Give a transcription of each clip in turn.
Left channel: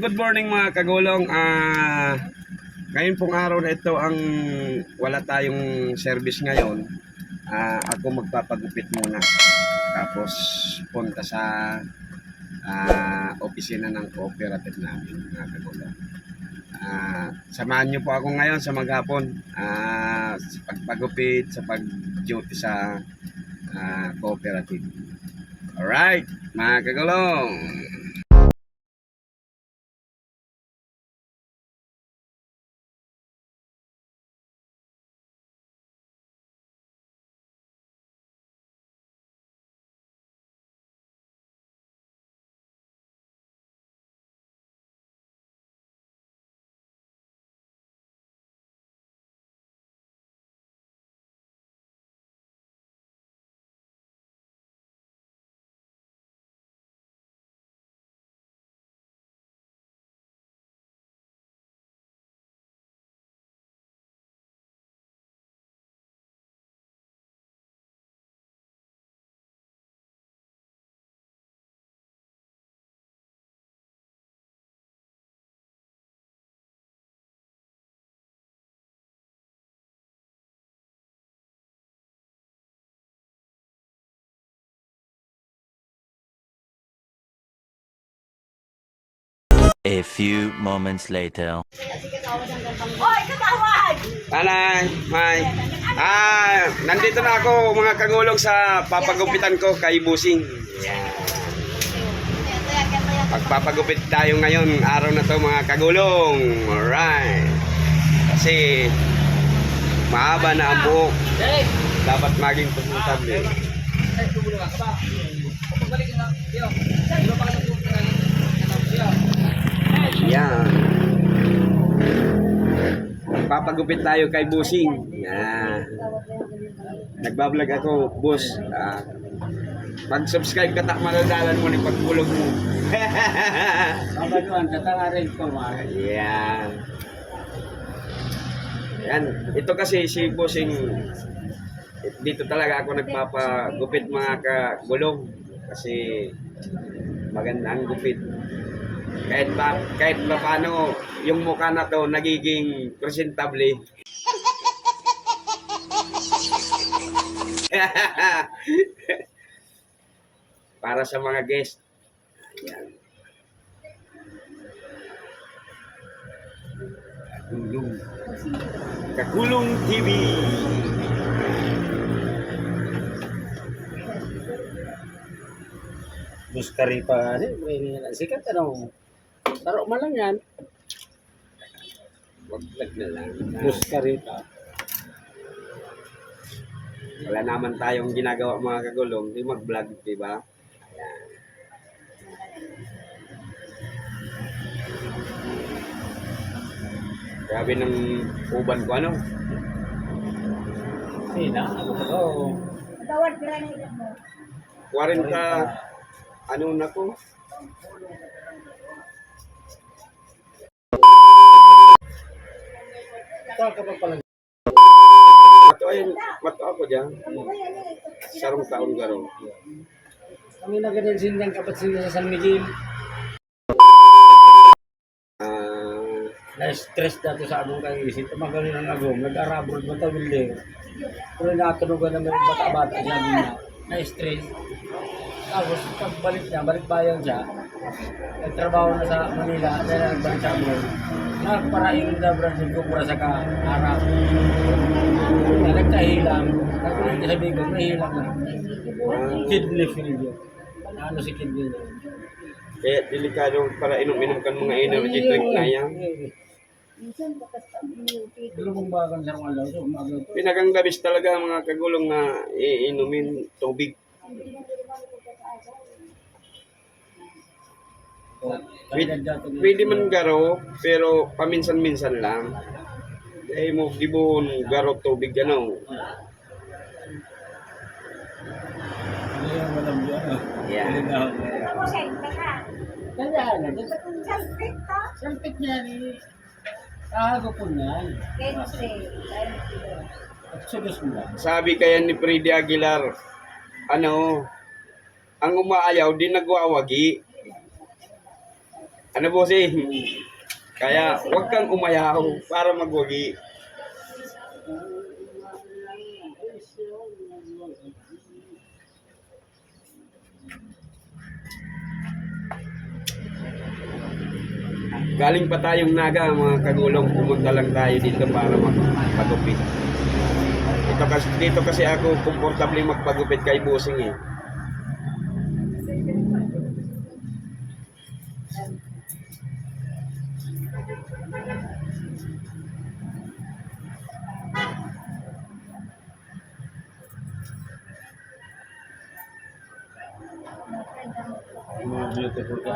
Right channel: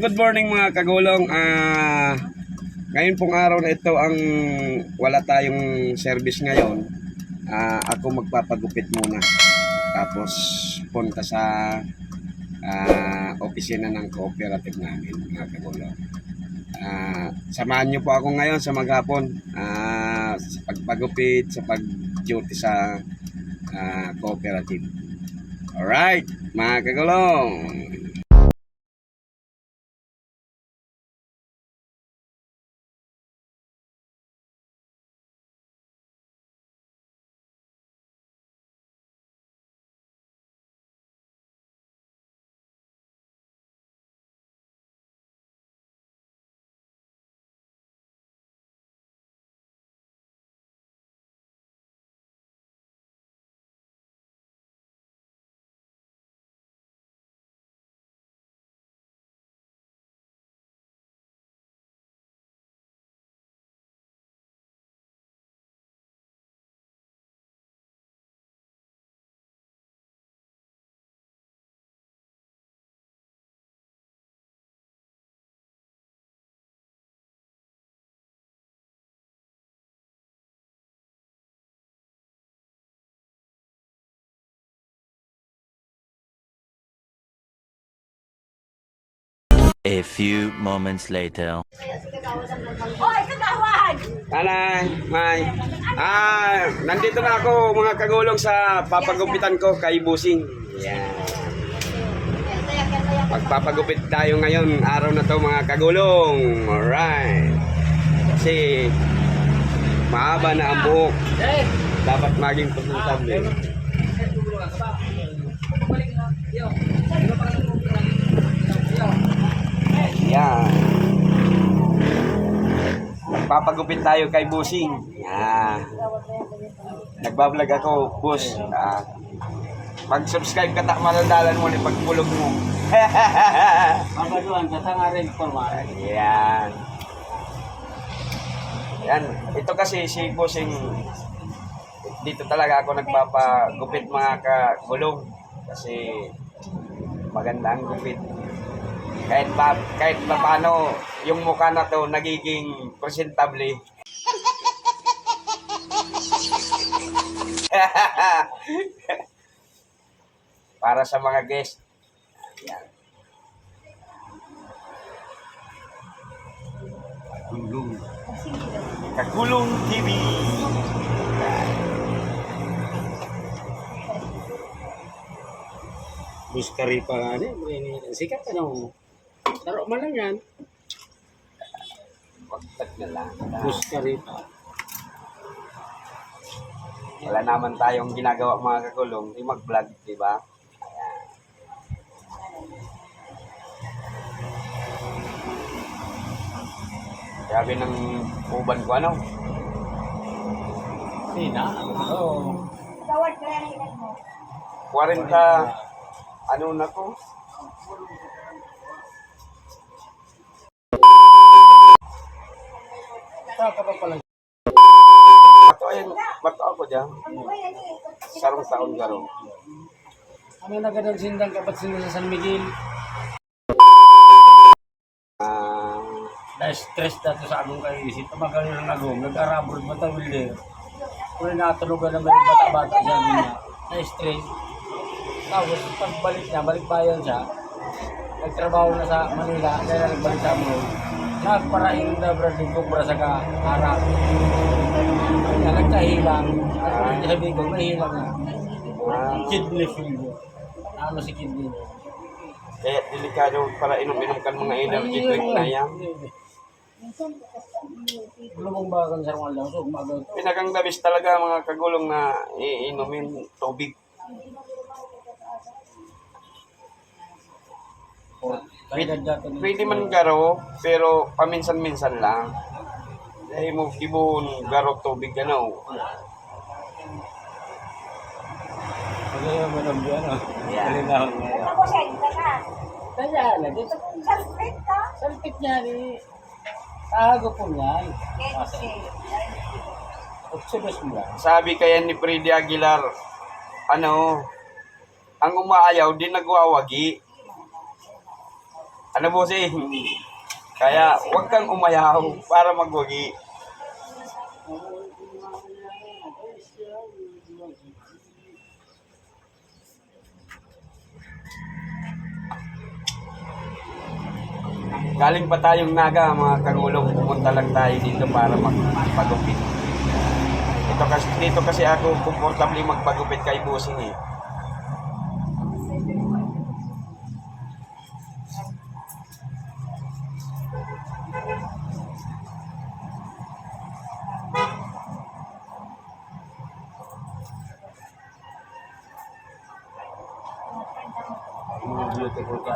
good morning mga kagulong. Ngayon pong araw na ito ang wala tayong service ngayon. Ako magpapagupit muna. Tapos punta sa opisina ng cooperative namin mga kagulong. Samahan niyo po ako ngayon sa maghapon sa pagpagupit, sa pag-duty sa cooperative. Alright, mga kagulong. A few moments later. Nanay, May. Nandito na ako mga kagulong sa papagupitan ko kay Busing. Yan. Magpapagupit tayo ngayon, araw na to mga kagulong. Alright. Kasi mahaba na ang buhok. Dapat maging presentable. Yan. Magpapagupit tayo kay Busing. Yan. Nagbablog ako, boss. Mag-subscribe ka tak marodalan mo ni pagbulog mo. Mabaluan ka tanga rin formal. Yan. Yan. Ito kasi si Busing, dito talaga ako nagpapagupit mga kagulong. Kasi maganda ang gupit. Kahit pa paano yung mukha na to nagiging presentable. Para sa mga guest. Ayan. Kagulong TV. Buskari pa nga rin. Sikat ano. Taro man lang yan. Wagtag na lang. Buskari pa. Wala naman tayong ginagawa mga kagulong. Di mag-vlog, di ba? Ayan. Grabe ng uban ko ano. Sina? Ano ba ito? 40 ano na to? Ito ka pa pala. Mato ako dyan. Sarong taon garo. Kami nagadal sindang kapatid sa San Miguel. Na-stress dati sa agong kaisip. Tumagal ng agong. Nag-arabroad ba tayo wilder? Kung natulogan naman yung bata-bata siya niya. Na-stress. Tapos pagbalik niya, balik bayan siya. Nagtrabaho na sa Manila. Dahil na nagbalik sa mo. Nagparaing na Brazil ko para sa ka-harap. Nagkahilang. Nagkulit niya sabi ko, nahilang na. Kidney failure. Ano si kidney niya? Kaya delikado para inom-inom kan mga energy drink na yan. Lumang bagan sa mga alaw. So, umaga ito. Pinagang labis talaga mga kagulong na iinumin tubig. Pwede man garo, pero paminsan-minsan lang. Dahil mo gibon garo tubig ano. Ano yung manam dyan? Yeah. Kaya na, dito salpit niya ni tago po niya. Observous mo lang. Sabi kaya ni Freddy Aguilar, ano, ang umaayaw di nagwawagi. Ano bossing? Kaya huwag kang umayaw para magwagi. Galing pa tayong Naga, mga kagulong, pumunta lang tayo dito para magpagupit. Dito kasi ako komportable magpagupit kay bossing eh. Mga beautiful ka.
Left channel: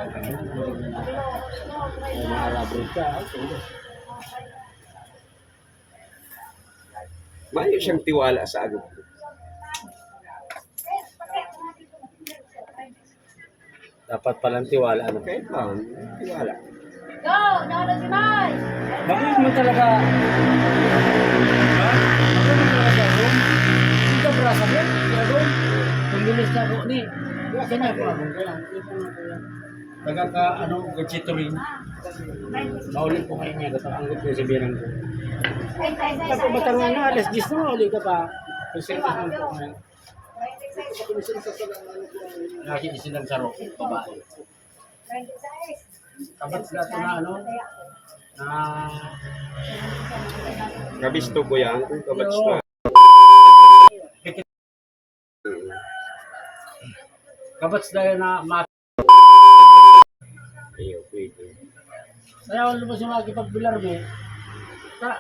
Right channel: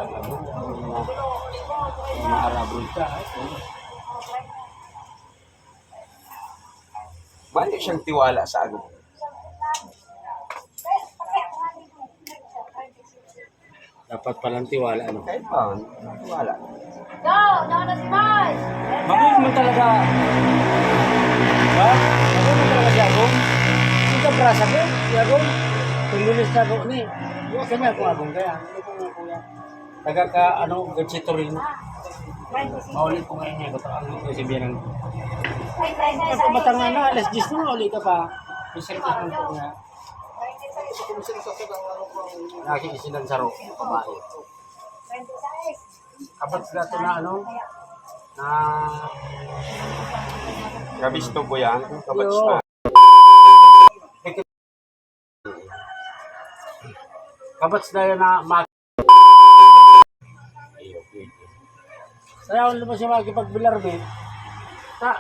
Mga arabroad ka. Mayo siyang tiwala sa agop. Dapat palang tiwala. Ano? Kahit pa, tiwala. Go! Nauna si Mai! Bakit mo talaga? Ha? Bakit mo talaga si Agong? Hindi ka brasa ko? Si Agong? Pililis na ako ni. Kanya ko Agong kaya. Hindi ko nga kuya. Taga ka, ano, gachito rin. Maulit po kayo niya. Ang gut ko si Birang ko. Pagka batang ano, alas 10 na maulit ka pa. Kusir ka po nga. Nakikisilang saro, babae. Kabot na ito na ano, na Kabisto ko yan, kung kabats na. kabats na yun na Ayaw, pwede. kaya kung lumos yung makikipagbilar mo, sa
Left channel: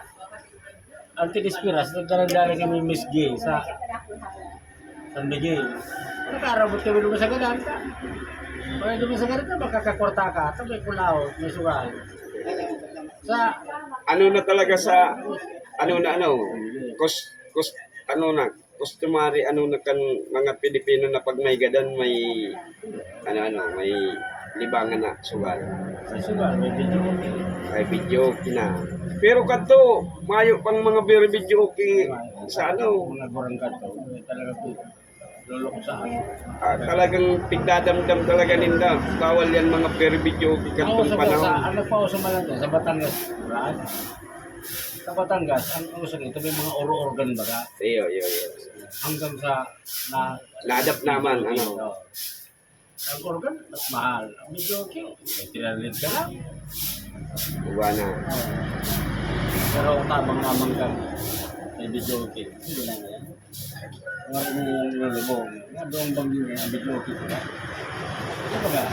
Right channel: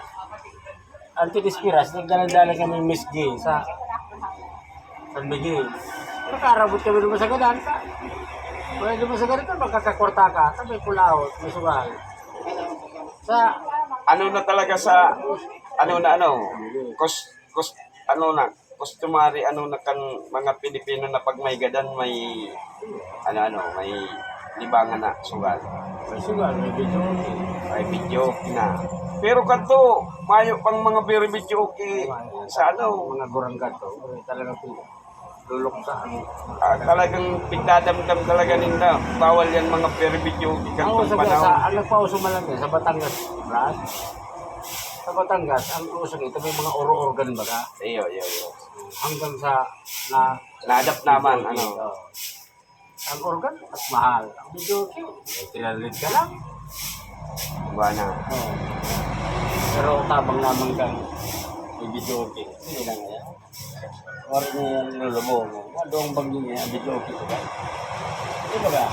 Antidispiras, nagdaladala kami Miss Gay sa San Miguel. Nakarabot kami naman sa gadan ka. Pag naman sa gadan ka, makakakwarta ka, tabi kulao, may suray. Sa, Ano na talaga sa, customary, kan mga Pilipino na pag may gadan, may, may libangan na sugal. sa sugar, may video. Ay, video na. Pero kanto, mayo pang mga video sa Mga gorangkat to, talaga po. Lulok sa akin. talagang pigdadamdam talaga ninda. Bawal yan mga video kantong panahon. Ang nagpauso malang yan, sa Batangas, right? Sa Batangas, ang uso ito may mga oro-organ ba ka? Iyo. Hanggang sa na Na-adapt naman, ang organ at mahal. Ang medyo cute. Tinalit ka lang. Iba na. Oo. Pero tabang naman ka. May video okay. Hindi lang yan. Wari mo yung nilulubong. Doong bagyo niya, ang video okay. Diba? Ito ba ka?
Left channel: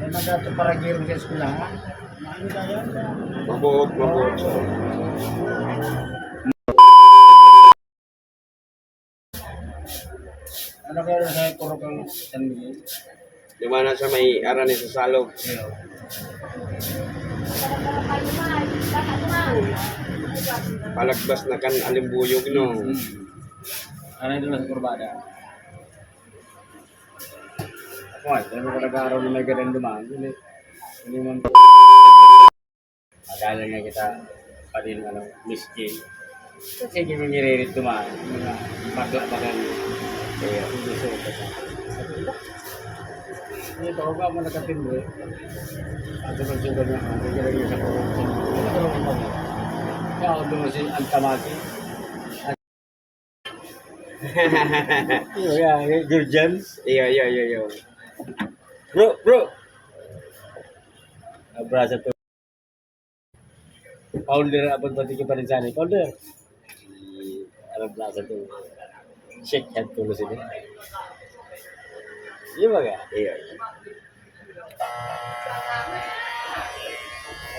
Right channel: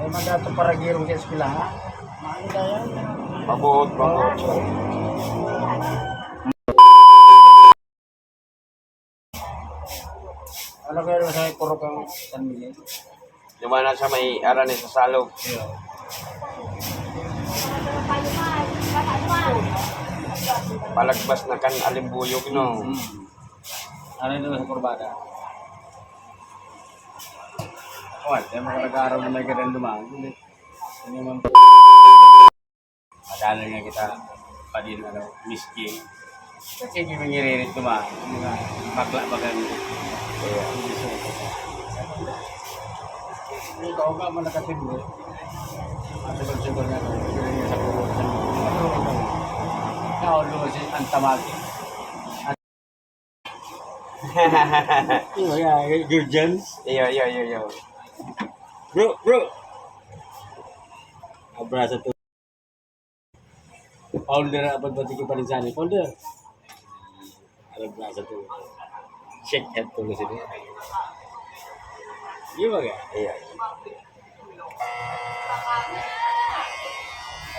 Eh, magato para girong sa eskwelahan. Maano kaya? Mabuot. Ano kaya nasa puro kang San Miguel? Lumana sa may arane sa salog. Palagbas na kan alimbuyog, no? Ano yung sa kurbada? Ako ay, tayo mo nag-aaral na may ganang dumaan. Hindi man madala nga kita pa din, Miss King. Kasi hindi mo nire-read dumaan. Mga bakla bagang hindi suot ka. Hindi ko ka man nakatimbre. At pag-sugar na ako, hindi lang sa puro. Matulong ko kami. Kaya ako doon si Antamaki. Good Jones. Iyo. Bro. Abrazo to. Founder abad bati ka pa rin sana. Founder. Abrazo to. Shake head tulo sila. Iya ba ka? Iyo.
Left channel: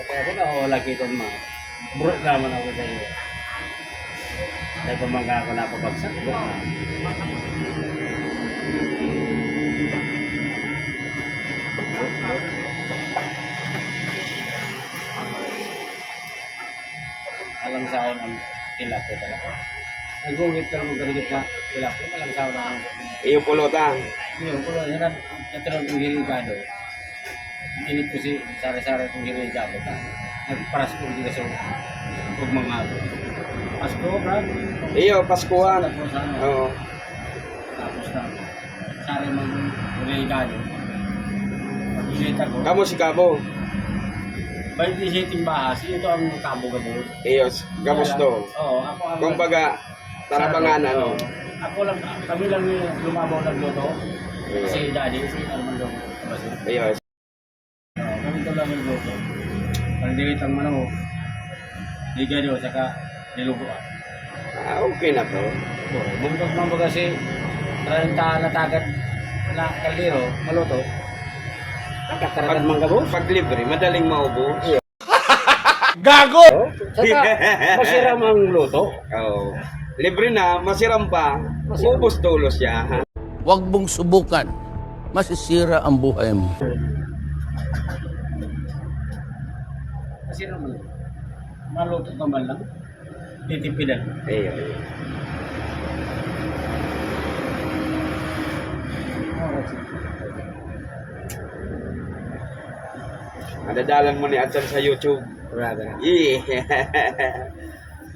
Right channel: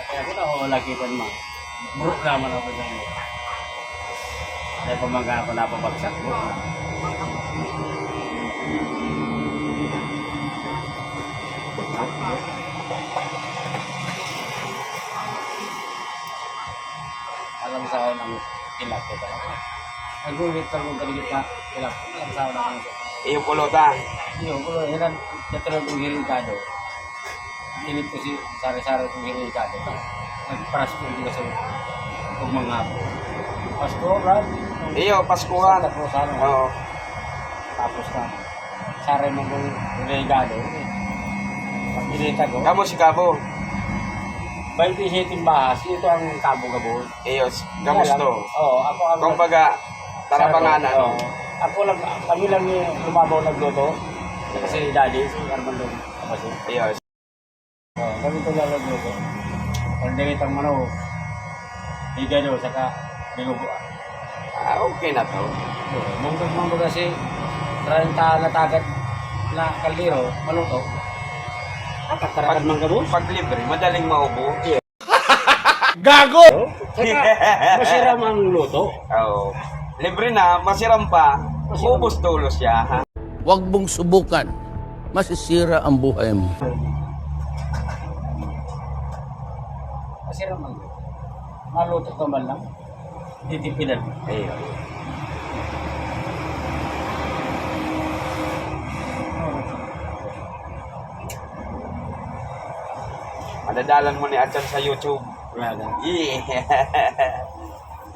Kaya ako na wala kita naman. Bro naman ako sa iyo. Dahil pamangga ako napapagsak. Bro na. Alam sa akin ang kilap ko talaga. Nag-uwit lang mong ganigit na kilap ko. Alam sa akin ang Iyo pulutan. yun, kung yan natural kong hirikado. Init ko si Sara-Sara kong hirikado. Nagparas ko hindi kasi huwag mga hapon. Pasko, Brad. Iyo, Paskuhan. Tapos ano, Oo. tapos na. Sara mo yung regalo. Pag hinita ko, Kamo si Kabo. 27 bahas, ito ang kabo-gabon. Iyo, kamusto? Oo, ako ang... Kumbaga, tarabanganan. Oo. Ako lang, kami lang yung lumabaw nagluto. Kasi daddy, si Armando. Kasi, Iyo. kami ito lang nagluto. Palindigay ang manaw. Ligado, saka nilubuan. Okay na to. Mungkag mga kasi 30 na tagad na kaldero, maluto. Kakatarakan mga gabos. Pag libre, madaling maubo. Saka masira ang luto. Oo. Libre na, masiram pa. Ubus tulos siya. Ha? Huwag mong subukan. Masisira ang buhay mo. Masira man. Maluto ka man lang. Titipidan. Iyo. Madadalan mo ni Atsan sa YouTube. Raga. Yeah.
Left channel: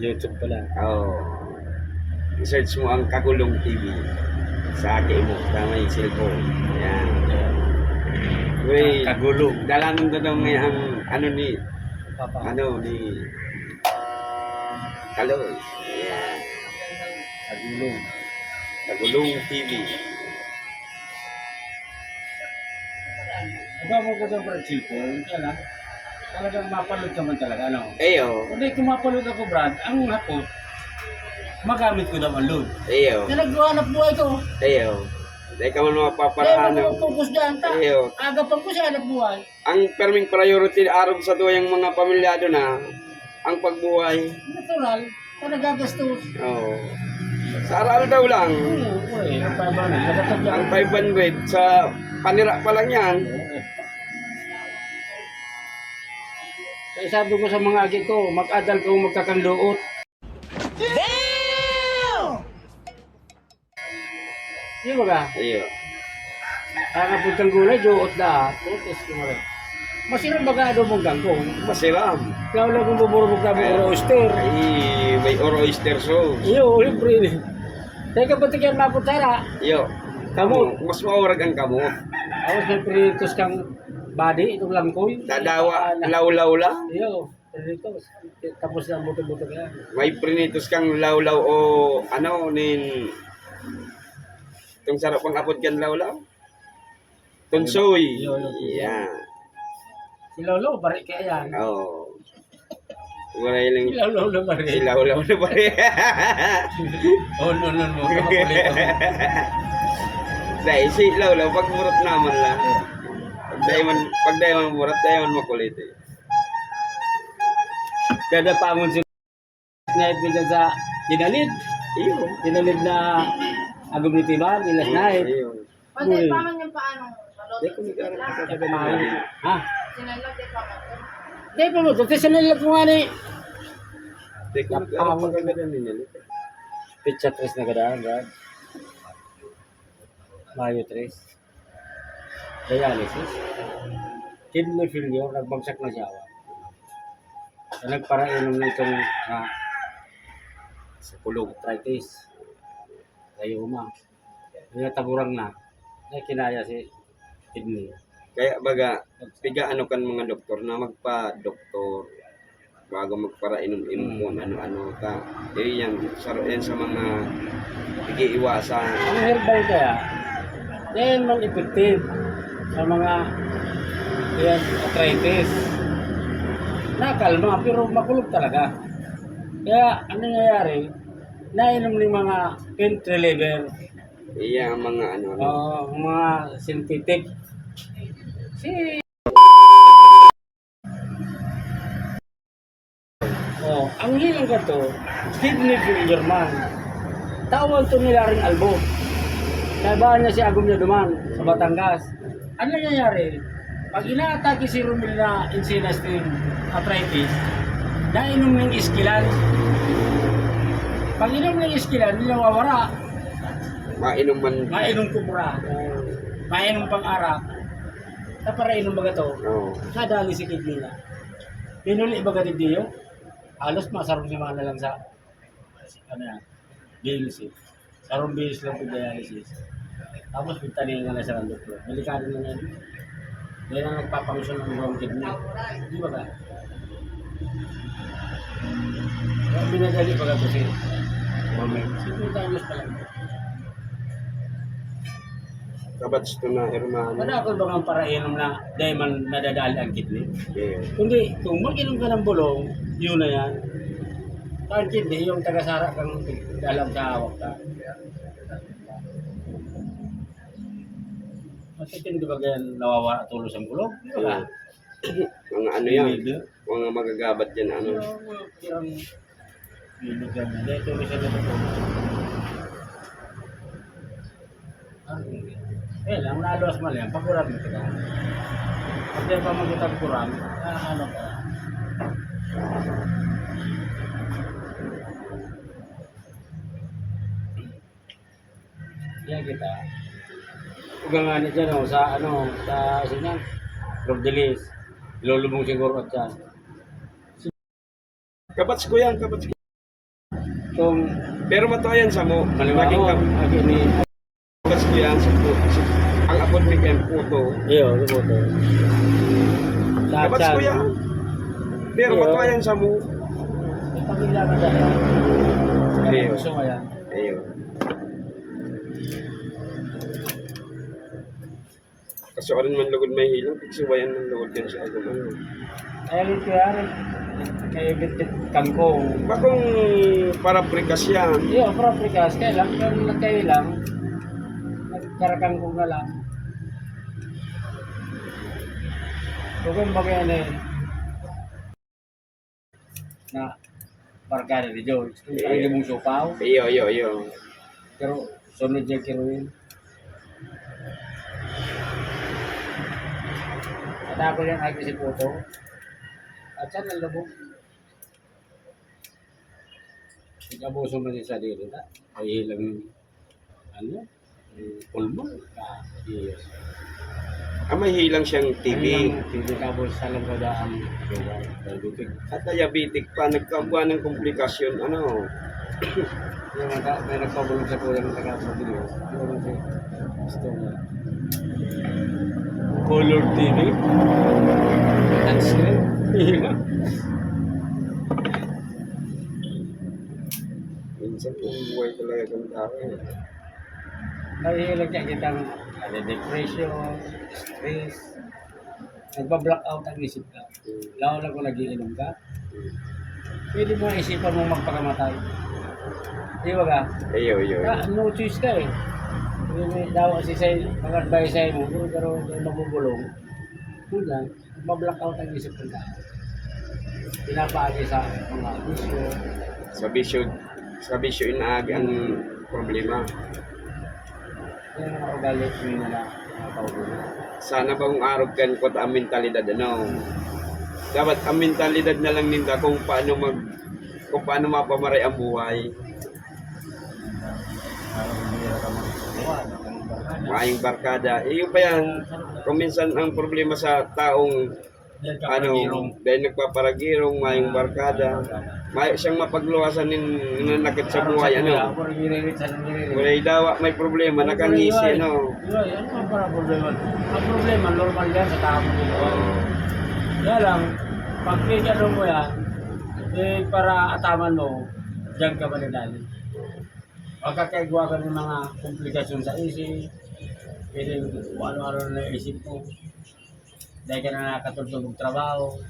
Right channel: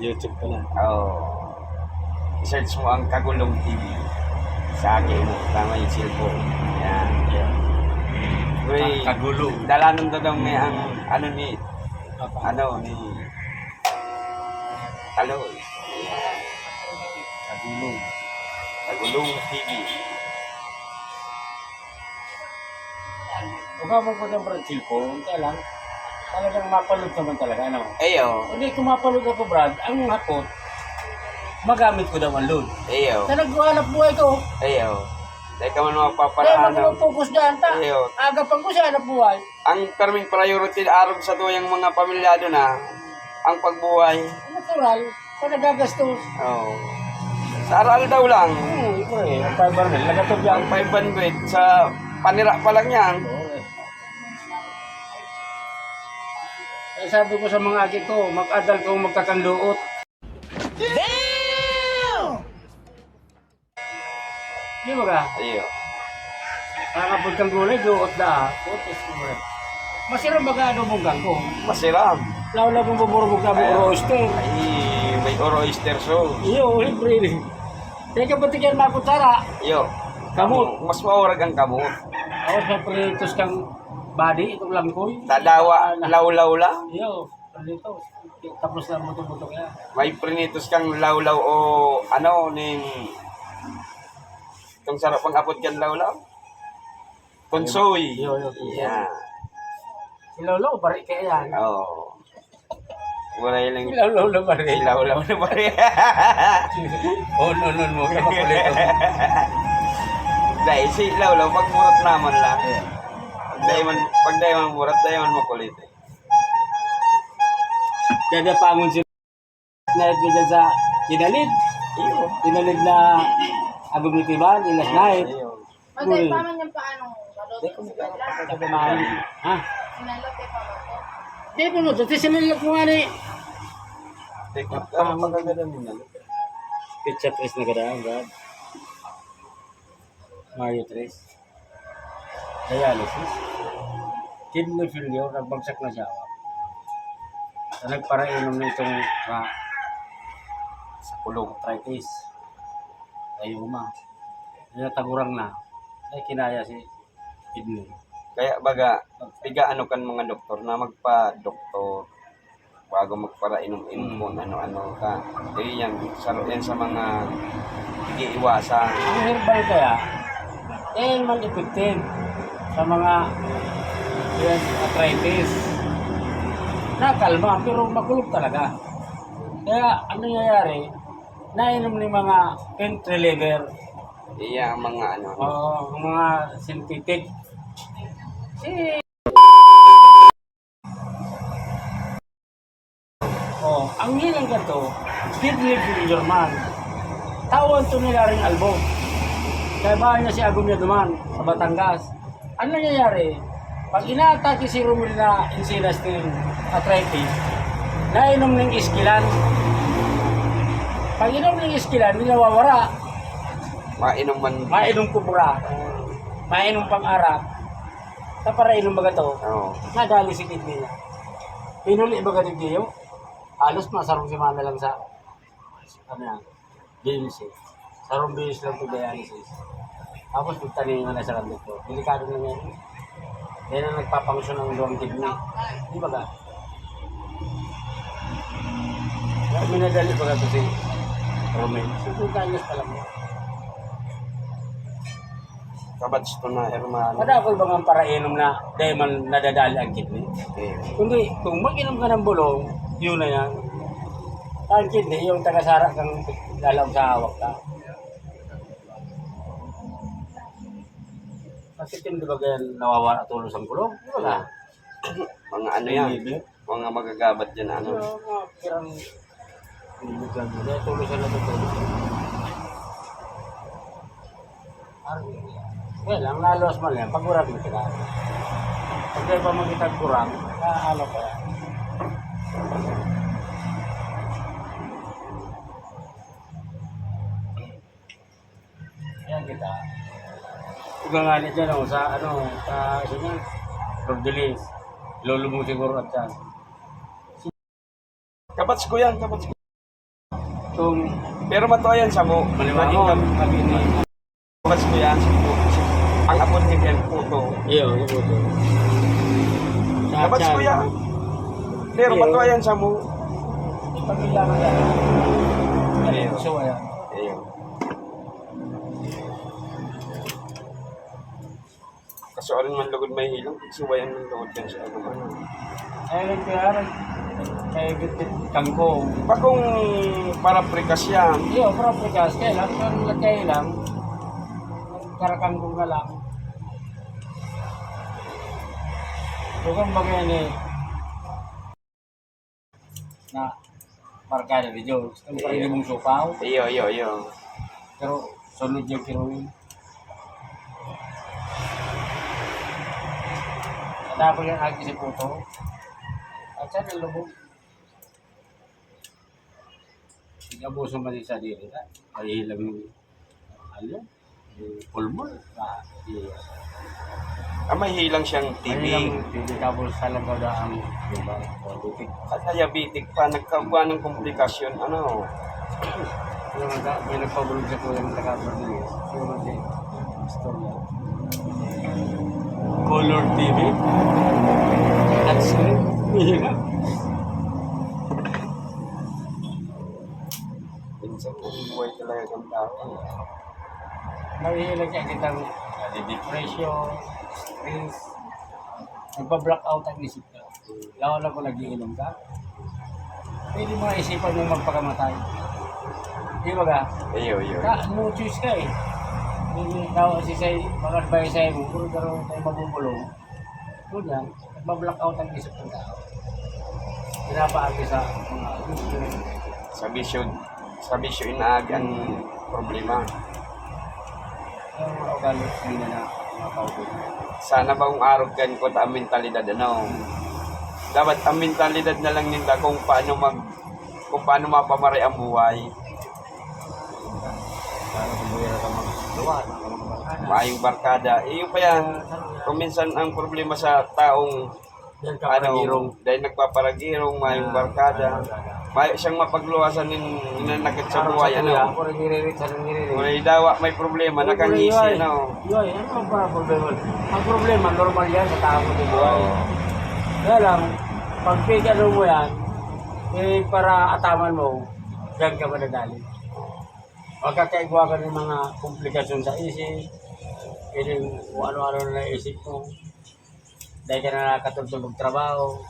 YouTube pala. Oh. I-search mo ang Kagulong TV sa akin mo. Tama yung cellphone. Yan. Uy, Kagulong. dalanan to daw may ang ano ni Papa. ni Kaloy. Yan. Kagulong. Kagulong TV. Huwag mo ko ng cellphone. Kaya lang. Talagang mapalot naman talaga. Ano? Ayo. Hindi kumapalot ako, Brad. Ang hapot, magamit ko daw ang load. Ayo. Na naghanap buhay ko. Ayo. Dahil ka man Kaya mapaparaan. mag-focus dyan ta. Ayo. Agapan ko sa hanap buhay. Ang perming priority arog sa tuyang mga pamilyado na ang pagbuhay. Natural. Sa nagagastos. Oh. Sa aral daw lang. Ang 500. Nagatok yan. Ang 500 sa panira pa lang yan. Kaya sabi ko sa mga agi ko, mag-adal kung magkakanluot. Damn! Di ba ka? Ayo. Kakapod kang gulay, duot da. Putos ko mo rin. Masirang bagado mong gangko. Masiram. Lawla mong buburubog ka mong roaster. Ay, may oyster sauce. Iyo, libre. Teka ba tigyan makutsara? Yo. Kamot. Mas maurag ang kamot. Ako sa prinitos kang body, itong langkoy. Dadawa, lawlaw lang. Iyo, prinitos. Tapos na buto-buto kaya. May prinitos kang lawlaw o ano ning itong sarap pang apod kan lawlaw. Tunsoy. Yo. Yeah. Si Lolo, bari kaya yan. Oh. Waray lang. Si Lolo bari. Si lawlaw na ba? Oh, no, mo. Kapakulit ako. Dahil si lawlaw pag murat naman lang. Pag dahil man murat, dahil man makulit eh. Gagapangon si night ko dyan sa Dinalid. Iyo. Dinalid na agumitiban, ilas night. Iyo. O, di pa man yung paano. Di ko nagkakaroon. Ha? Sinalot, di pa man to. Di po mo, dati sinalag ko nga ni. Teknik ano pagkagadan ninyo? Pitcha 3 na gadaan, Brad. Mayo 3. Dialysis. Kidney failure, nagbagsak na siya. Nagparainom na itong sa kulong arthritis. Rayuma. Natagurang na. Ay kinaya si kidney. Kaya baga, piga ano kan mga doktor na magpa-doktor bago magpara-inom-inom mo ano-ano ka. Eh yan sa mga iiwasan. Ang herbal kaya, dahil man effective sa mga yan, arthritis. Nakalma, pero makulog talaga. Kaya ano nangyayari, nainom ng mga pain reliever, Iya ang mga ano. ang mga synthetic. Ang hilang ka to, kidney failure man. Tawag to nila rin albo. Kaya ba niya si Agum niya duman sa Batangas. Ano nangyayari? Pag inaatake si Romel na Encinas ng arthritis, nainom ng iskilan. Pag inom ng iskilan, hindi nawawara. Mainom man. Mainom kubra. Mainom pang-arap. Sa para inom baga to, Oo. nadali si kidney niya. Pinuli baga diyo, halos masarong si Mana lang sa ano yan, dialysis. Sarong bilis lang po dialysis. Tapos pagtalingan na sa doktor. Delikado na yan. Yan ang nagpapangsyon ng buong kidney. Di ba ba? Kaya binadali pa ka kasi Romel. 50 anyos pa lang. Kabats to na, hermano. Madakol ba ang parainom na dahil man nadadali ang kidney? Iyo. Kundi kung mag-inom ka ng bulong, yun na yan. Ang kidney, yung tagasara kang dalaw sa hawak ka. Kasi di ba ganyan nawawala tulos ang bulong? Di ba ka? Mga ano yan, mga magagabat yan, ano. Kirang biligan nila, tulos ang natutulog. Kaya lang, naluwas man yan, pagkurang mo ka. Pag di ba magkitag kurang, ano pa. Kaya kita, ugangan niya dyan, sa sinan, Rodelis, lolo mo siguro at yan. Kabats ko yan, kabats ko. Itong Pero matuayan sa mo, maliwangon, mag-ini, kabats ko yan, ang apod ni Ken Puto. iyo, ito po ito. Kabats ko yan. Pero Iyo. matuayan sa mo. Pamilya mo dahil. Iyo. Gusto mo yan. Iyo. Kasi orin man lugod may hilang, tigsubayan ng lugod yan sa agam. Ano. Ayun kaya rin. Kay Bitit Kangkong. Bakong paraprikas yan. Iyo, proprikas. Kaya lang. Nagkarakangkong na lang. Kung bagay na na barkada ni George. Kung parang mong supaw. Iyo. Pero sunod niya kiruin. Kada ko yung agi si Puto. At siya nalabog. Nag-abuso man sa diri na. Ay hilang pulmon. Yes. May hilang siyang TB. TB tapos salang ko daan. Diba? Diabetic. At diabetic pa, nagkabuan ng komplikasyon. Ano? May nagpabulong sa kulang ng taga-Prodelis. Siguro si Astoria. Color TV. Touchscreen. Hihima. Minsan kung buhay talaga ng tao. Nahihilag niya kitang depression, stress. Nagpa-block out ang isip ka. Lalo na kung nagiinom ka. Pwede mo isipan mo magpakamatay. Di ba ka? Iyo. No choice ka eh. Daw si say pag-advise sa'yo mo, pero tayo magugulong. Kung yan, nagpa-block out ang isip ng tao. Pinapaagi sa mga bisyo. Sa bisyo inaagi ang problema. Kaya mga ugali nila na mga paugulo. Sana ba kung araw kan ko ang mentalidad ano? Dapat ang mentalidad na lang nila kung paano mapamaray ang buhay. Maayong barkada. Iyo pa yan. Kung minsan ang problema sa taong dahil nagpaparagirong, maayong barkada. May siyang mapagluwasan ninanakit sa buhay, ano. May dawa, may problema, nakangisi, ano. Yoy, ano ang para problema? Ang problema, normal yan sa tao nito. Kaya lang, pag pigyan mo yan, para ataman mo, diyan ka madadali. Magkakaigwa ka ng mga komplikasyon sa isip, pwedeng kung ano-ano na naisip mo, dahil ka na nakatulog ng trabaho.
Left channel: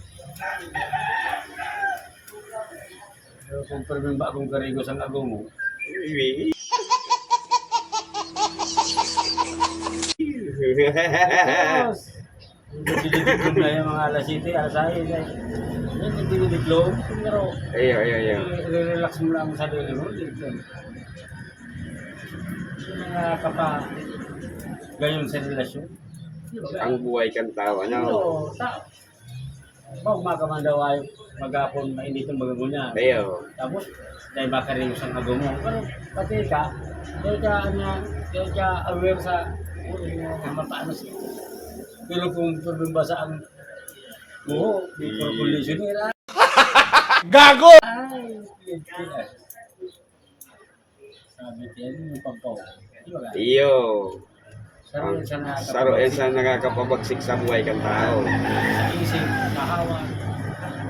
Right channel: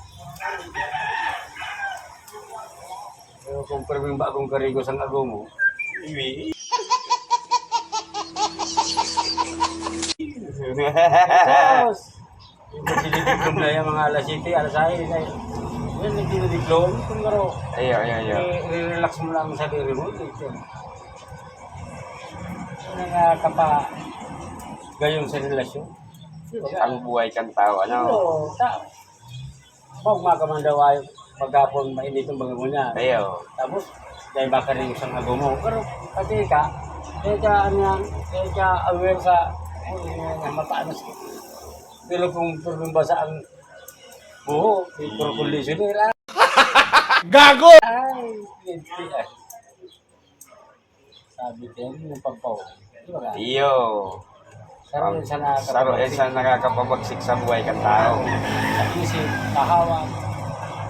Pero kung perming bagong karigos ang agong mo, tapos, yung dinediklom na yung mga alas 7, alas 6, yung nagdinediklom, pero Iyo. relax mo lang sa sarili mo. Yung mga gayon sa relasyon. Ang buhay kang tao, ano. Pag makamandawa yung maghapon, mainit yung bago niya. Iyo. Tapos, dahil baka rin yung ago mo. Pero, pati ka aware sa matanos. Pero kung basa ang buho, may conditioner. Gago! Ay, Sabi din, yung pampaw. Di ba ka? Iyo. Saro yun sa Saro yan sa nakakapabagsik sa buhay kang tao. Sa isip, kahawan.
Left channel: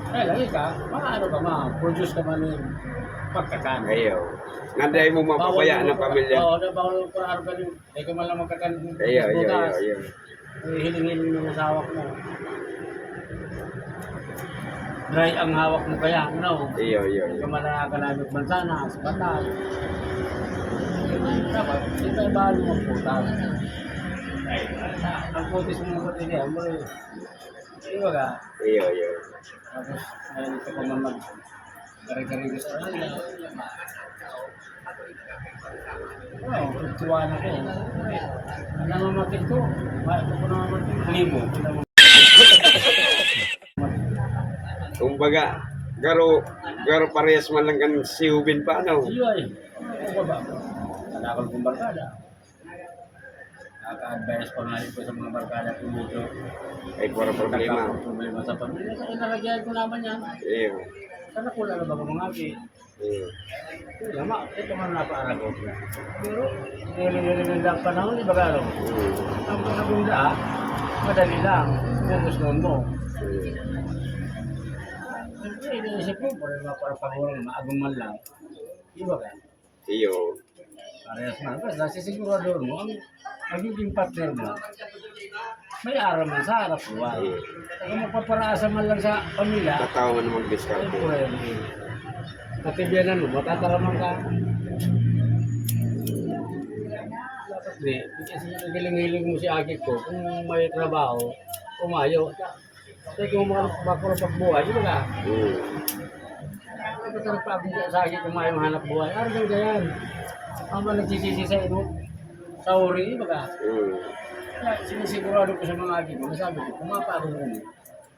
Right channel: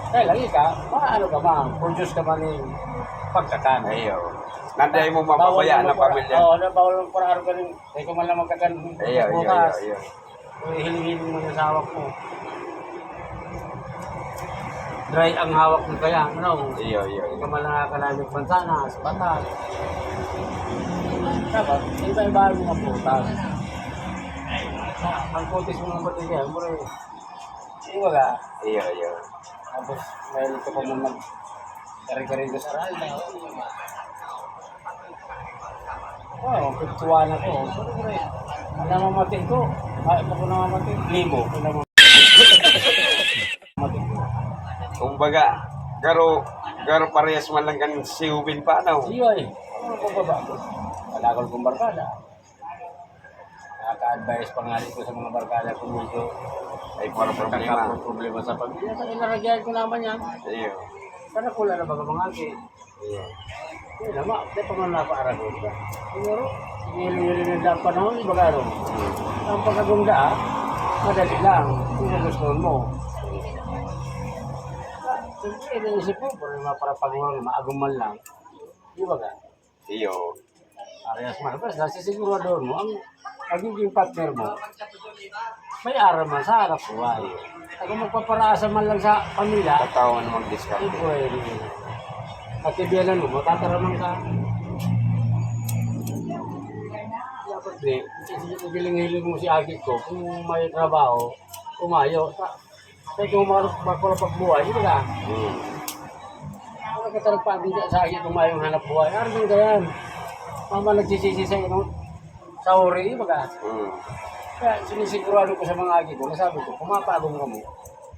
Kaya lagi ka, maano ka produce ka man yung pagkakan. Iyo. Nandiyan mo mapabayaan ng pamilya. Oo, bawal mo para araw ka rin. Kaya kung man lang magkakan. Iyo. Hilingin mo ng hawak mo. Dry ang hawak mo kaya, no? Iyo. Kaya ka man nakakanamit mansana, sa patay. Dapat, hindi tayo bahay mo magputas. Ang kutis mo ng kutis niya, mo rin. Di ba ka? Iyo. Tapos, ngayon ito pa man kari-kari ko sa raya. Wow, pagtuwan ako. Ang namamatay ko. Ako ko namamatay. Limo. Kumbaga, garo parehas man lang kan siubin pa, no? Iyo eh. Ano ko ba? Kalakol kong barkada. Nakaka-advise pa nga ko sa mga barkada kung medyo Ay, puro problema. problema sa pamilya. Inaragyan ko naman yan. Iyo. Sana pula na baga mga agi. Iyo. Kaya lama, kaya pa nga napaaragot ka. Pero, hili-hili ng panahon, iba garo. Ang pagkagunda, madali lang. Kung gustuhan mo. Siyempre, iniisip mo, para pagurang maaguman lang. Iba ka? Iyo. Parehas man. Tapos, nasisigurado mo, ang magiging partner mo, may araw man sa harap buhay. Kung magpaparaasa man lang sa pamilya, Tatawa man ay mag-discount. pwede. Katibianan mo, matataraman ka. Dapat di, kasi giling-hiling mo si Agit ko, kung may trabaho, umayo. Kasi kung makapag buhay, di ba ka? Nagkatarap pa agad sa Agit kung mayong hanap buhay. Ano bang ganyan? Mama nagsisisi sa sa uri, di ba ka? Kaya sinisigurado ko sa mga Agit ko, nasabi ko, pumapagod mo mo.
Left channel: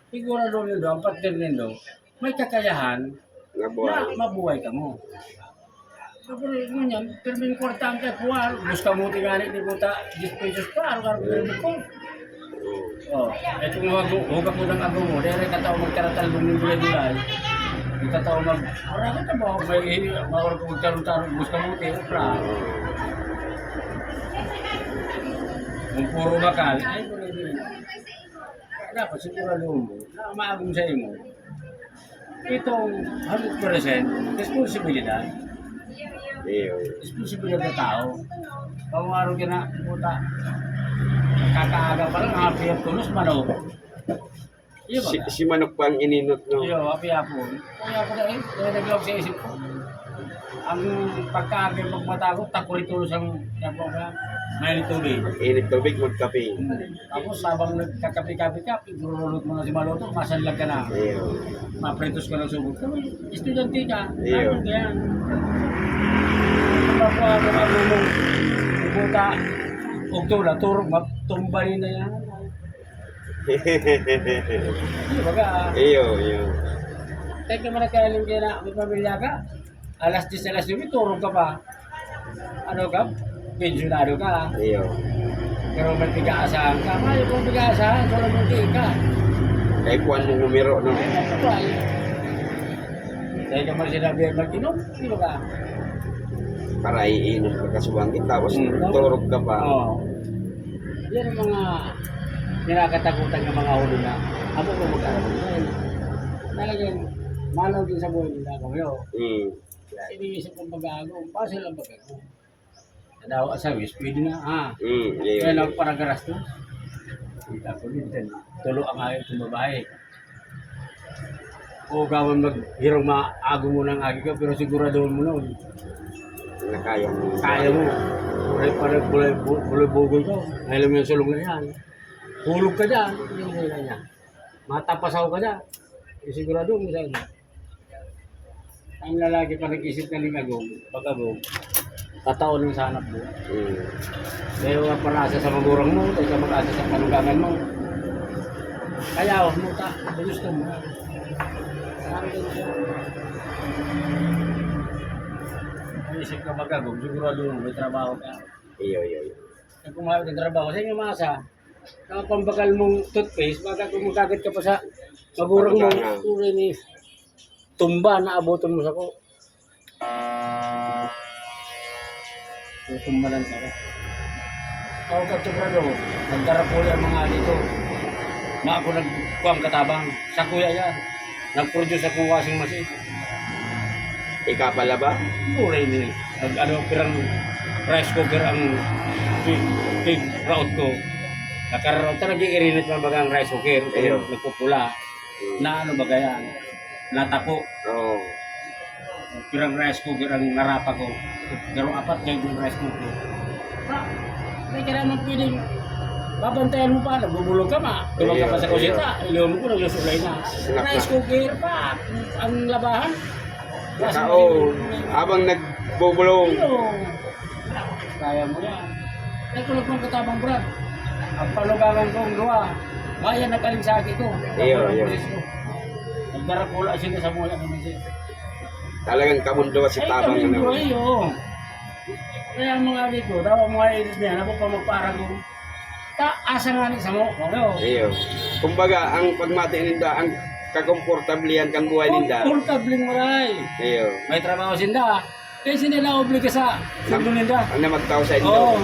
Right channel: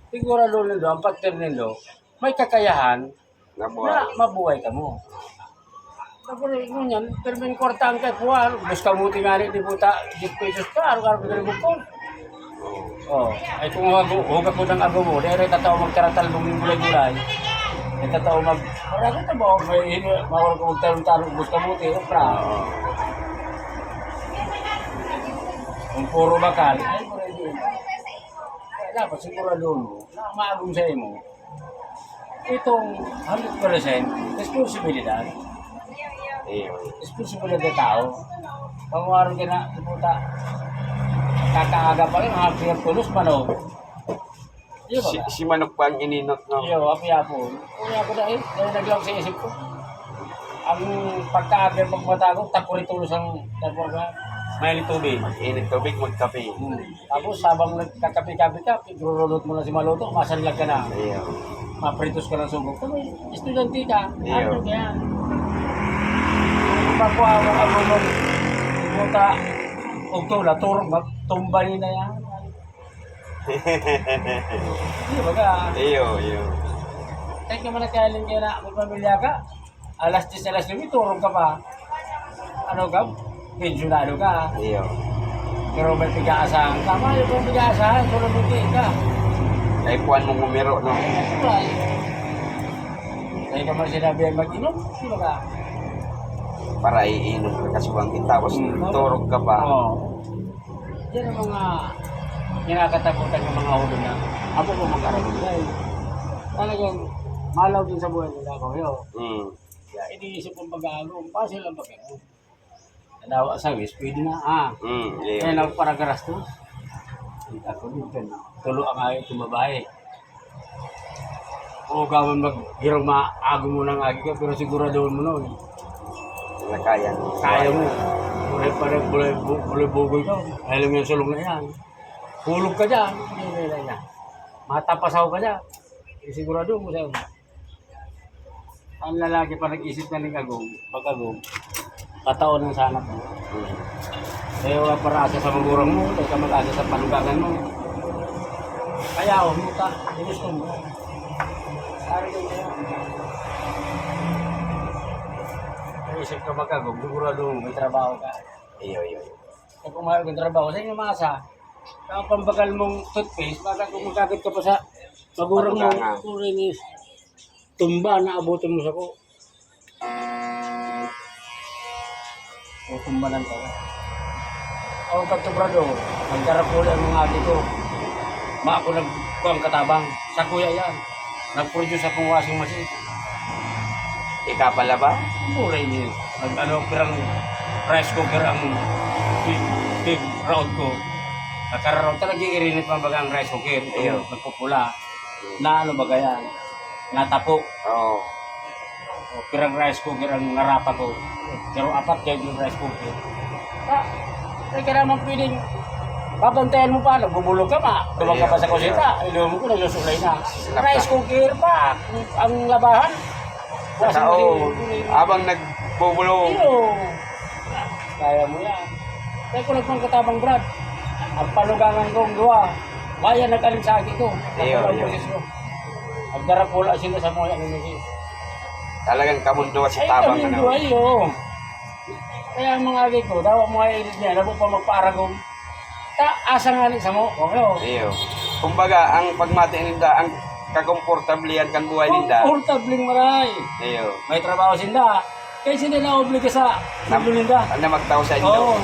Sigurado nito, ang partner nito, may kakayahan na mabuhay ka mo. Tapos ngunyan, pero may importante po, bus ka mo tingali, di po ta, 10 pesos pa, araw-araw ka na bukod. Ay kung hugak mo ng agaw mo, dahil tatao magtaratalbong yung gulay-gulay, ay tatao wala ko tabo, may mawala ko magtarong-tarong, bus ka mo tingali, kung puro bakal, ay puro yun. Kaya dapat sigurado mo, na maagong sa imo, itong 100% responsibilidad. Iyo. Responsibilidad ng tao. Pangwaro ka na, puta, kakaaga pa lang, happy ang tulos, mano. Iyo ba? Si Manok pa ang ininot, no? Iyo, happy po. Kung ako dahil naglawag sa isip ko. Ang pagkaaga ng pagmata ko, takuri tulos ang may tubig. Init tubig, magkape. Tapos habang nagkakapi-kapi ka, pinurulot mo na si Maloto, masanlag ka na. Iyo. Mapritos ka ng sugok. Kung estudyante ka, Iyo. ano kaya? Mapuha mo ang mong ibuta, ugtula, turong, tumbali na yan. Iyo, baga. Iyo. Kahit ka man nakailin kaya na may pamilya ka, alas 10, alas 9, turong ka pa. Ano ka? Pensionado ka. Iyo. Pero may pig-aasahan ka. May kung pig-aasahan, so nabuti ka. Kay puan mong umiro, no? Dahil ka man sinabi ang mag-inom, di ba ka? Para iinom ka kasuwangin, tapos turog ka pa. Oo. Yan ang mga kinakatakutan ng mga huli na ako ko mag-arabog dahil talagang malaw din sa buhay nila ako yun. Kaya iniisip kong pag-aagong, pasil ang pag-aagong. Nadawa sa wis, pwede na Iyo. Kaya lang parang garastos. Ako din, tulo ang ayaw tumabae. O gawan maghirong maagong mo ng agi ka, pero siguradoon mo nun. Kaya mo. Kaya mo. Buray pa rin, buloy-bugoy ka. Alam mo yung sulong na yan. Hulog ka dyan. Hindi na niya. Matapasaw ka dyan. Sigurado mo sa'yo. Ang lalaki pa nag-isip na ng agong, pag-agong, kataon ng sanap mo. Kaya wala para-asa sa magurang mo, kaya ka mag-asa sa panugangan mo. Kaya muta, gusto mo. Sari ka na yan. Isip ka magagong, sigurado mo, may trabaho ka. Iyo. Kaya kung mayroon kang trabaho, sa inyo mga asa, ang pambagal mong toothpaste, baka kung magkagat ka pa sa magurang mo, tuloy ni tumba na abutin mo sa ko. tutumbalan ka na. Ako kagtubrado, nagdarapuli ang mga ali ko. Ako nagkuhang katabang, sa kuya yan. Nag-produce akong washing machine. Ika pala ba? Puray ni, pirang rice cooker ang big route ko. Nakaraw talaga irinit mabaga ang rice cooker. Ayun. Nagpupula. Na ano ba yan? Natapo. Oo. O, pirang rice cooker ang narapa ko. Pero apat kayo yung rice cooker. Hindi ka naman pwedeng papantayan mo pa, nagbubulog ka pa. Tumang ka pa sa kusita, iliw mo ko, nagsusulay na. Sinap na. Rice cooker pa, ang labahan. Nakaon. Habang nagbubulong. Iyo. Kaya mo yan. Kaya ko nagpang katabang Brad. Ang panugangan kong luwa. Maya nag-alinsagi ko. Iyo, iyo. Ang darapula sila sa mga ano siya. Talagang kamundo si Tabang. Ay, Ano. kami iyo. Kaya ang mga agi ko, daw ang mga edit niya, alam mo pa magparagong. Asa nga ni sa mo, okay. Iyo. Kumbaga, ang pagmati ninda, ang kakomportablihan kan buhay ninda. Komportabling maray. Iyo. May trabaho sinda. Kaya sila na obliga sa sundo ninda. Ang namagtaw sa inyo. Oo.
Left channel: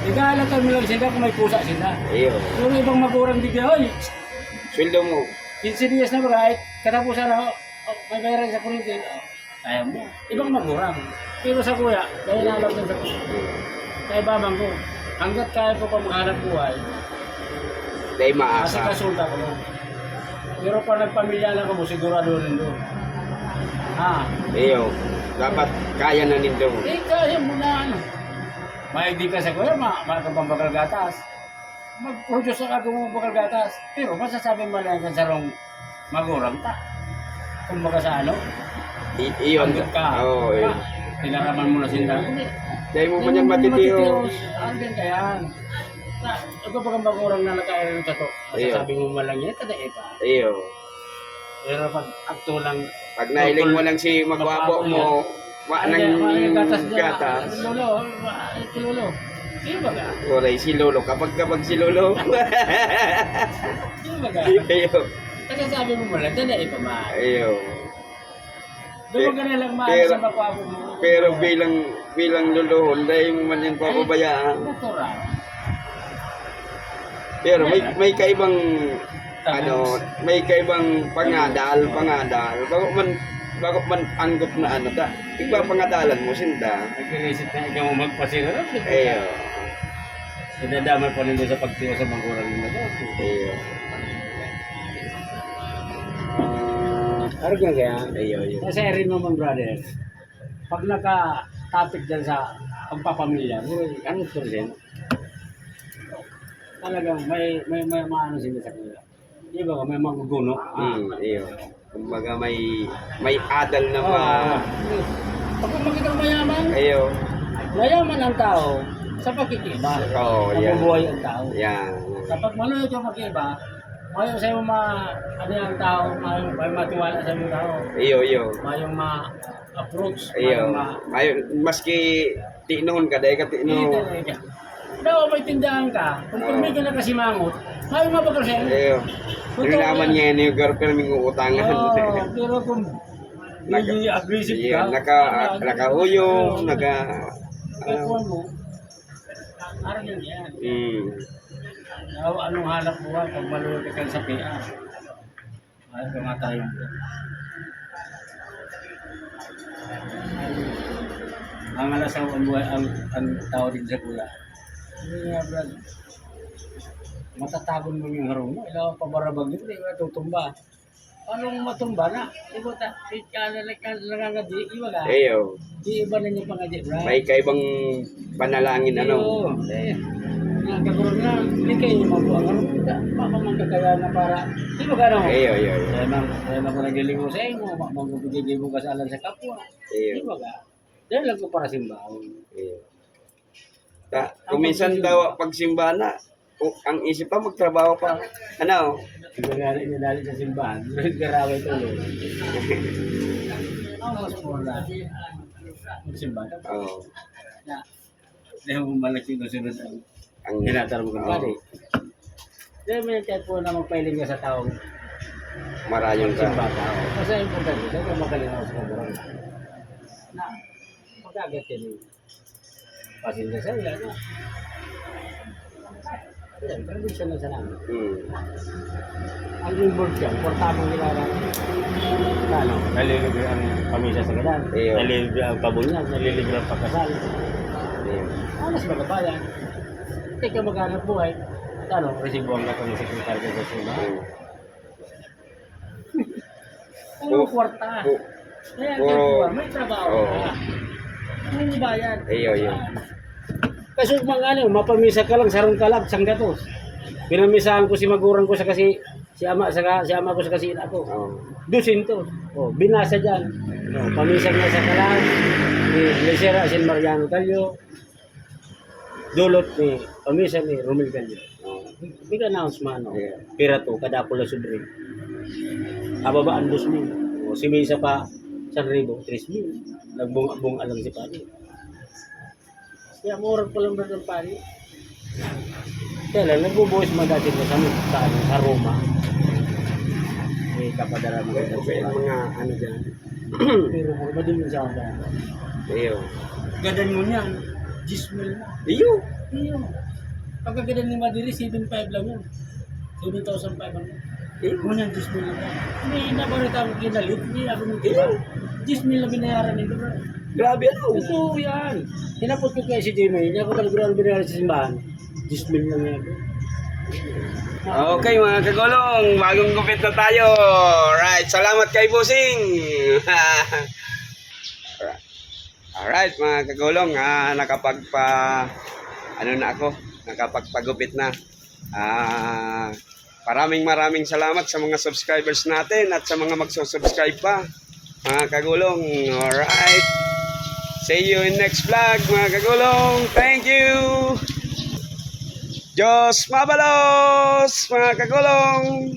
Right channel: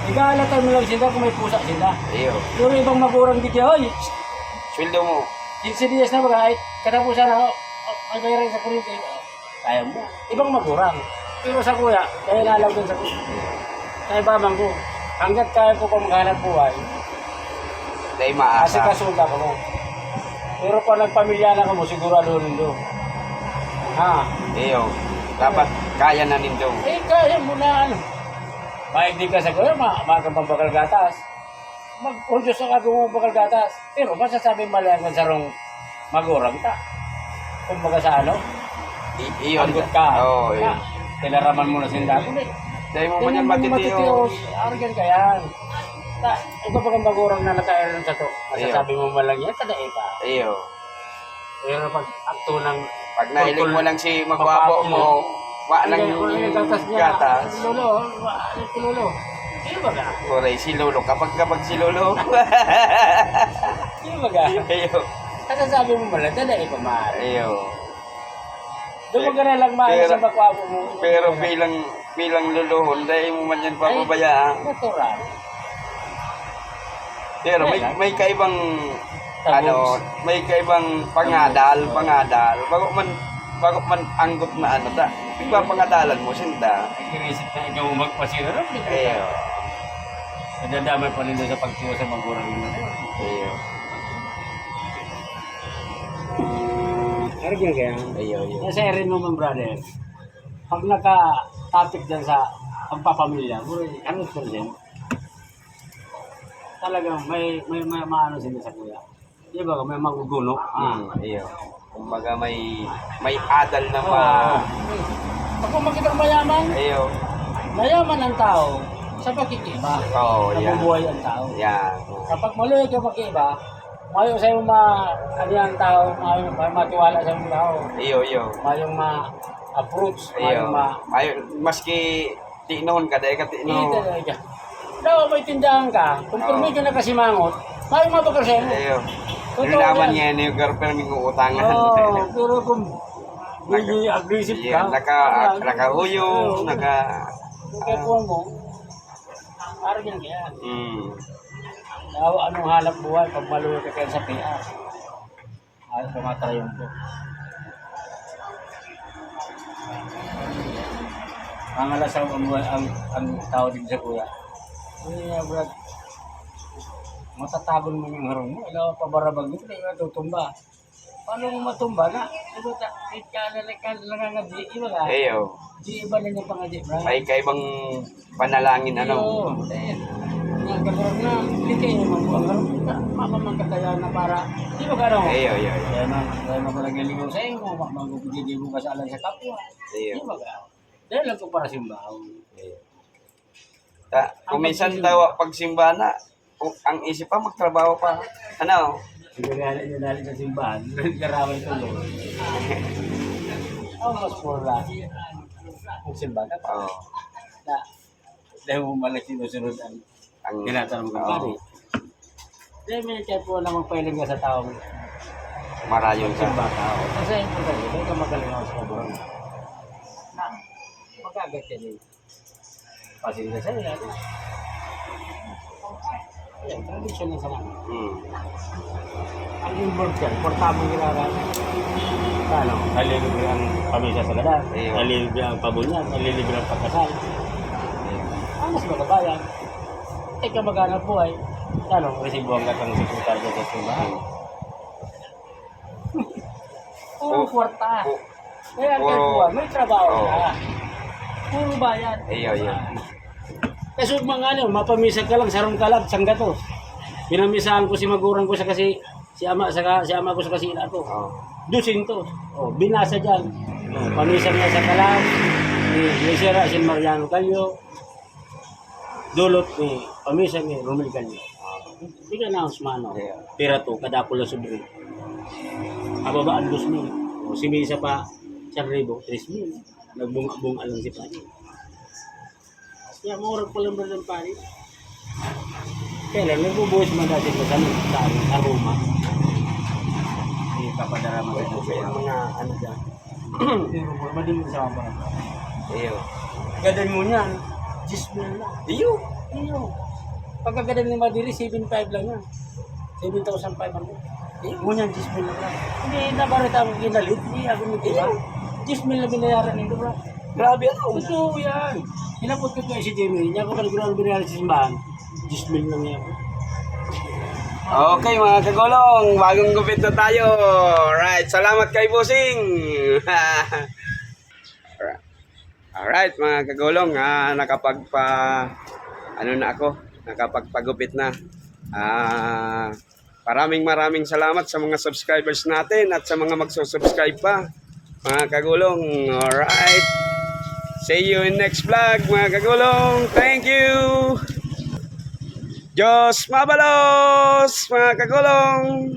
Igalatan mo lang sila kung may pusa sila. Iyo. Puro ibang magurang digya, hoy, Sweldo mo. 15 dias na ba ay katapusan na may bayaran sa kuryente. Kaya mo. Ibang magurang. Pero sa kuya, kaya nalaw din sa kuya. Kaya babang ko, hanggat kaya ko pa maghanap buhay, Dahil kasi maasa. kasulta ko mo. Pero pa nagpamilya na ka mo, sigurado rin do. Ha? Iyo. Dapat kaya na nindo. Eh, kaya mo na ano. Maigdi ka sa kuya, makakapang bakal gatas. Mag-produce ka kung bakal gatas. Pero masasabi malayan ka sa rong magurang ta. Kung baga sa ano, Iyon. hanggat ka. Oo, iyo. Tilaraman mo na sinda. Hindi. Dahil mo pa niyan matitiyo. Argan ka yan. Ito pa kang magurang na nakailan sa to. Masasabi mo man lang yan, tadae pa. Iyo. Pero pag akto ng Pag nahiling mo lang si magwapo mo, wa nang gata. Lolo, lolo. Sino ba ka? Kuray si Lolo. Kapag si Lolo. Sino ba ka? Iyo. Masasabi mo man lang, tadae pa mahal. Iyo. Doon ka na lang mahal Pero- sa magwapo mo. Pero bilang luluhon, dahil mo man yan papabayaan. Natural. Pero may kaibang may kaibang pangadal. Bago man anggot na ano ta. Iba pangadalan mo sinda. Nag-iisip na ikaw magpasira. Ayo. Nadamay pa rin doon sa pagtuwa sa magurang mo. Ayo. Argan kaya? Ayo, ayo. Kasi rin mo man brother, pag naka-topic dyan sa pagpapamilya, 100%, talagang may maano sila sa kuya. Di ba? May maguguno. Ayo. Kumbaga may adal na Pag kung makita mayaman, Ayo. mayaman ang tao sa pagkikiba. Oh, yan. Mabubuhay ang tao. Yan. Kapag maluyo ka pagkikiba, mayo sa yung ano yung tao, may matiwala sa yung tao. Iyo, iyo. Mayong ma-approach, Iyo. mayong Ayo, maski tinuhon ka dahil ka tinuhon. Talaga. Daw may tindahan ka, kung permi ka na kasi mangot, mayong mapagkal siya mo. Ayo. Ano naman yan yung girlfriend ming uutangan. Pero kung hindi aggressive Iya, ka, nakahuyong, Kaya mo, parang yan yan. Daw anong hanap buhay pag maluwa ka kayo sa PR. Ayaw ka matrayon ko. Ang alasaw ang buhay, ang tao din sa kuya. Hindi nga brad, matatagon mo yung harong mo, ilaw pa barabag dito, hindi ka tutumba. Paano mo matumba na? Ibo ta, nangangabi, iba ka. Ayo. Di iba na niya pangadi, brad. May kaibang panalangin ano. Ang kagurang na, hindi kayo mabuang harong kita. Mamamang kakaya na para, di ba ka Ayo, ayo, ayo. Kaya man ko nagliligaw sa inyo, magpapagigay mo ka sa alam sa kapwa. Di Ayo. ba ka? Dahil lang ko para simbahan. Ayo. Kung minsan daw pagsimba na, ang isip pa magtrabaho pa. Ano? Nagagalit niya dali sa simbahan. Nagkaraway ito. Almost for that. Magsimbahan ka pa. Oh. Na, dahil mo malang sinusunod ang Ang tinatanong kong kari. Dahil may type po na magpailing ka sa taong marayon ka. simba tao. Kasi importante, dahil ka magaling ako sa kaburan. Na, magagat yan eh. Pasensya sa nila. No? Yan, tradisyon lang sa namin. Ang involved yan, portamang nilaran. Ano, nalilibre ang pamisa sa gadan, Iyo. nalilibre ang pabunyan, nalilibre ang pagkasal. Anas mga bayan. Teka maghanap buhay. Ano, resibo ang lakang sekretaryo sa simbahan. Puro kwarta. Kaya ang puro- may trabaho Oo. ka. Puro bayan. Iyo, yun. Kasi mga ano, mapamisa ka lang, sarong kalag, sanggatos. Pinamisahan ko si magurang ko sa kasi, si ama ko sa kasina ko. Oh. 200. Oh, binasa diyan. Oh, pamisa niya sa kalang ni Lesera Sin Mariano Calio. Dulot ni pamisa ni Romel Calio. Big announcement no. Yeah. Pira to kada pula sobre. Kababaan 2,000. O si Misa pa 1,000, 3,000. Nagbunga-bunga lang si Pari. Kaya murag pa lang ba ng Pari? Kaya lang, nagbubuhos mo dati ko sa aroma. Eh, kapadara mo mga ano dyan. Pero mura ba din mo sa mga Iyo. gadan mo niyan, 10,000 na. Iyo. Iyo. Pagkagadan ni Madiri, 7,500 lang yan. 7,500. Ngunyan, 10,000 lang. Hindi nabarita akong ginalit. Hindi ako nitiba. 10,000 na binayaran nito, bro. Grabe ano. Totoo yan. Hinapot ko kay si Jimmy. Hindi ako talagang binayaran sa simbahan. 10,000 lang yan, bro. Okay mga kagulong, bagong gupit na tayo. Right, salamat kay Busing. Alright mga kagulong, nakapagpagupit na. Maraming salamat sa mga subscribers natin at sa mga magsusubscribe pa. Mga kagulong, alright. See you in next vlog mga kagulong. Thank you. Diyos mabalos mga kagulong.